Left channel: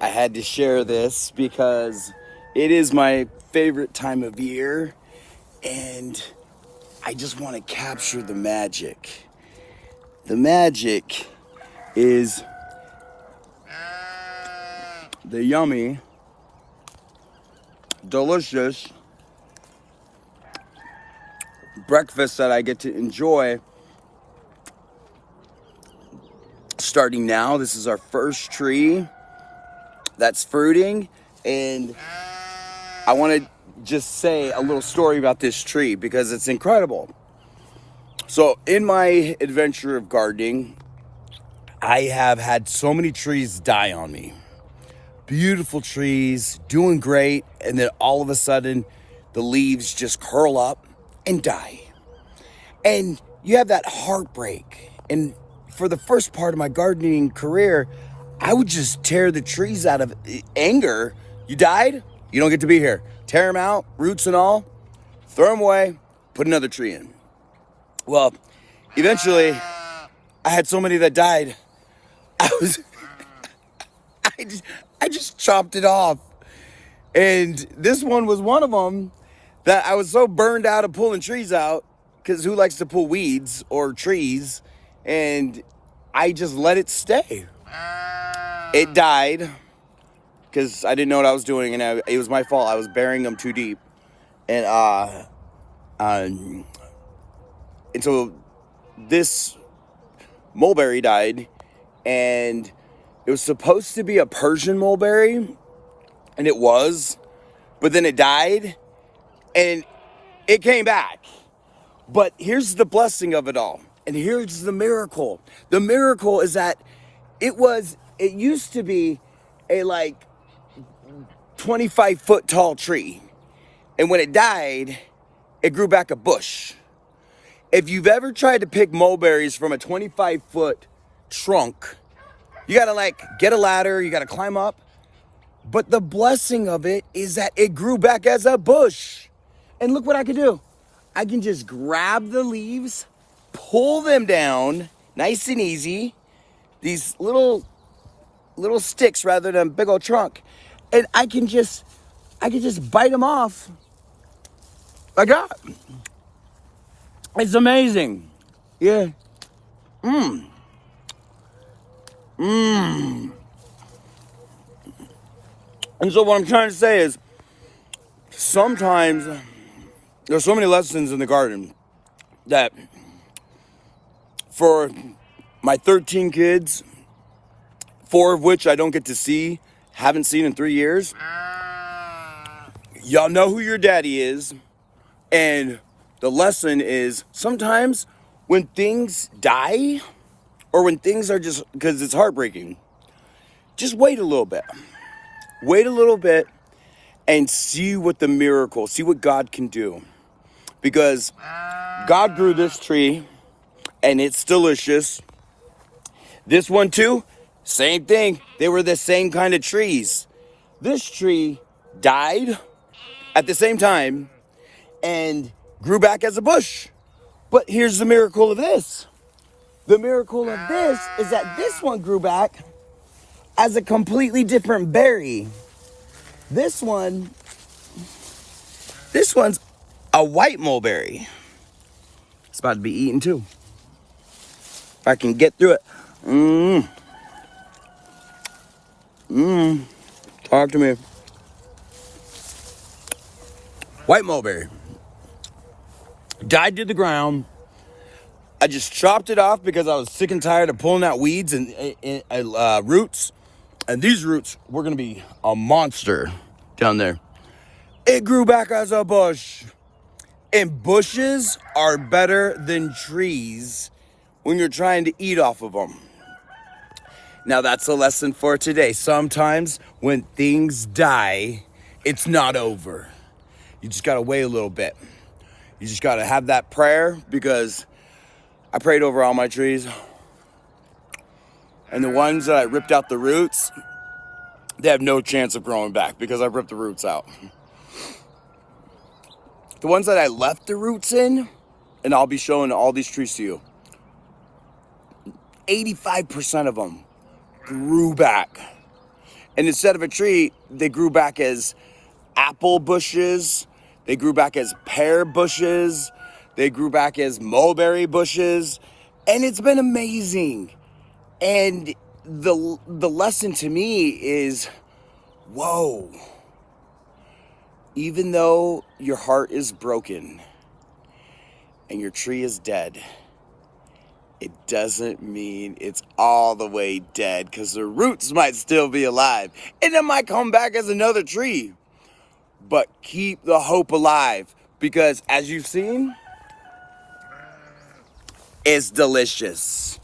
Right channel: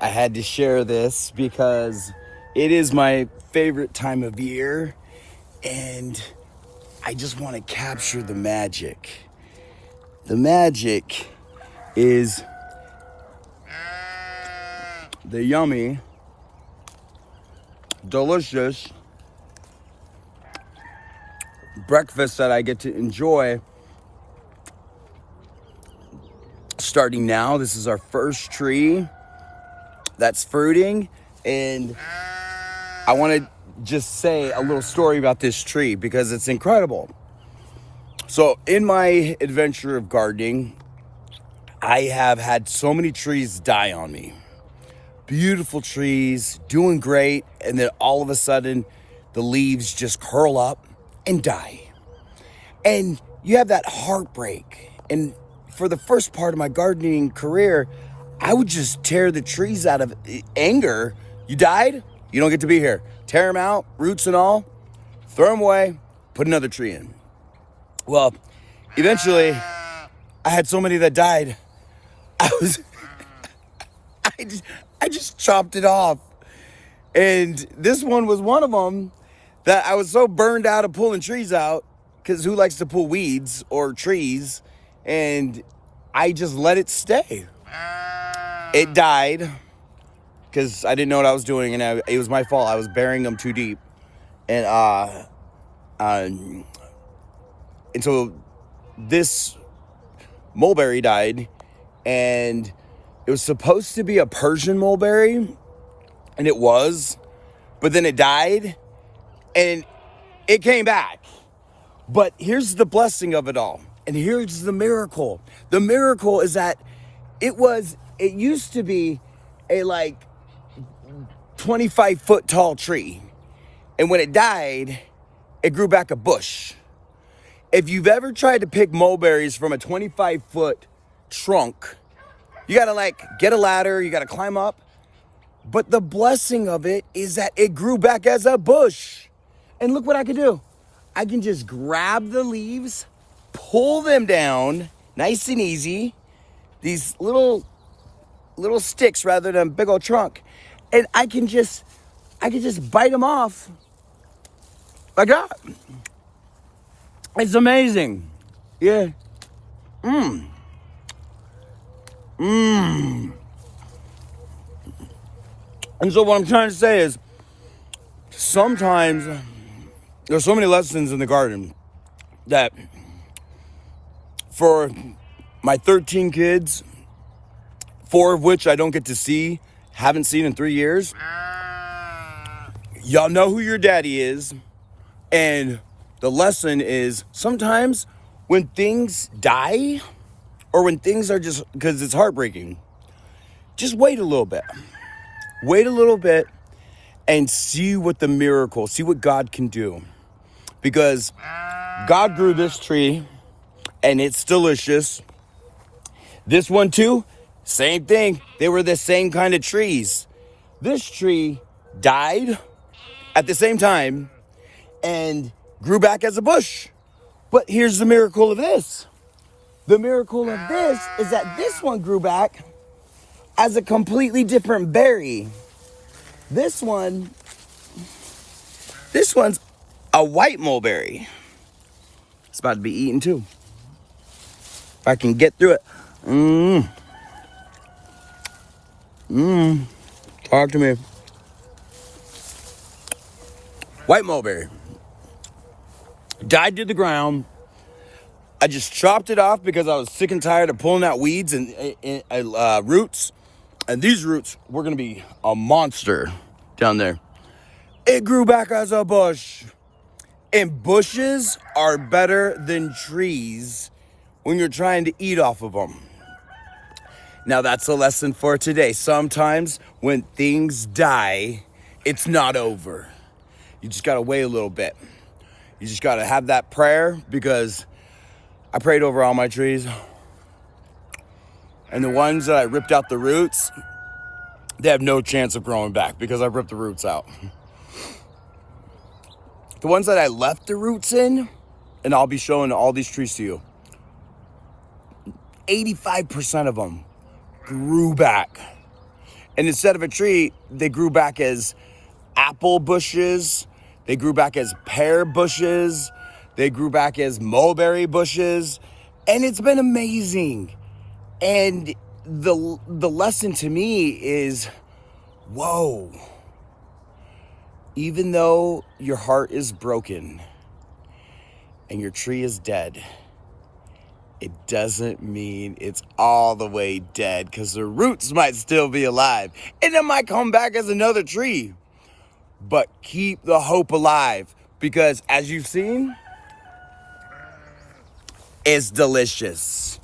I had to share this because it is my favorite time of year, and I just want to capture the magic. The magic is the yummy, delicious breakfast that I get to enjoy starting now. This is our first tree that's fruiting, and I want to just say a little story about this tree because it's incredible. So in my adventure of gardening, I have had so many trees die on me. Beautiful trees, doing great, and then all of a sudden the leaves just curl up and die. And you have that heartbreak. And for the first part of my gardening career, I would just tear the trees out of anger. You died? You don't get to be here. Tear them out, roots and all, throw them away, put another tree in. Well, eventually, I had so many that died, I just chopped it off. And this one was one of them that I was so burned out of pulling trees out, because who likes to pull weeds or trees? And I just let it stay. It died because I didn't know what I was doing, and it was my fault. I was burying them too deep. And so this mulberry died, and it was supposed to be a Persian mulberry, and it was, but then it died, and it came back. But here's the blessing of it all, and here's the miracle. The miracle is that it used to be a 25-foot tall tree, and when it died, it grew back a bush. If you've ever tried to pick mulberries from a 25-foot trunk, you gotta get a ladder, you gotta climb up. But the blessing of it is that it grew back as a bush. And look what I can do. I can just grab the leaves, pull them down, nice and easy. These little sticks rather than a big old trunk. And I can just bite them off like that. It's amazing. Yeah. And so what I'm trying to say is, sometimes there's so many lessons in the garden that for my 13 kids, 4 of which I don't get to see, haven't seen in 3 years, y'all know who your daddy is. And the lesson is, sometimes when things die, or when things are just, because it's heartbreaking, just wait a little bit. Wait a little bit and see what the miracle, see what God can do. Because God grew this tree, and it's delicious. This one too, same thing. They were the same kind of trees. This tree died at the same time and grew back as a bush. But here's the miracle of this. The miracle of this is that this one grew back as a completely different berry. This one's a white mulberry. It's about to be eaten too. I can get through it. Talk to me. White mulberry. Died to the ground. I just chopped it off because I was sick and tired of pulling out weeds and roots. And these roots were going to be a monster down there. It grew back as a bush. And bushes are better than trees when you're trying to eat off of them. Now that's a lesson for today. Sometimes when things die, it's not over. You just got to wait a little bit. You just got to have that prayer, because I prayed over all my trees. And the ones that I ripped out the roots, they have no chance of growing back because I ripped the roots out. The ones that I left the roots in, and I'll be showing all these trees to you, 85% of them grew back. And instead of a tree, they grew back as apple bushes. They grew back as pear bushes. They grew back as mulberry bushes. And it's been amazing. And the lesson to me is, whoa, even though your heart is broken and your tree is dead, it doesn't mean it's all the way dead, because the roots might still be alive and it might come back as another tree. But keep the hope alive, because as you've seen, it's delicious.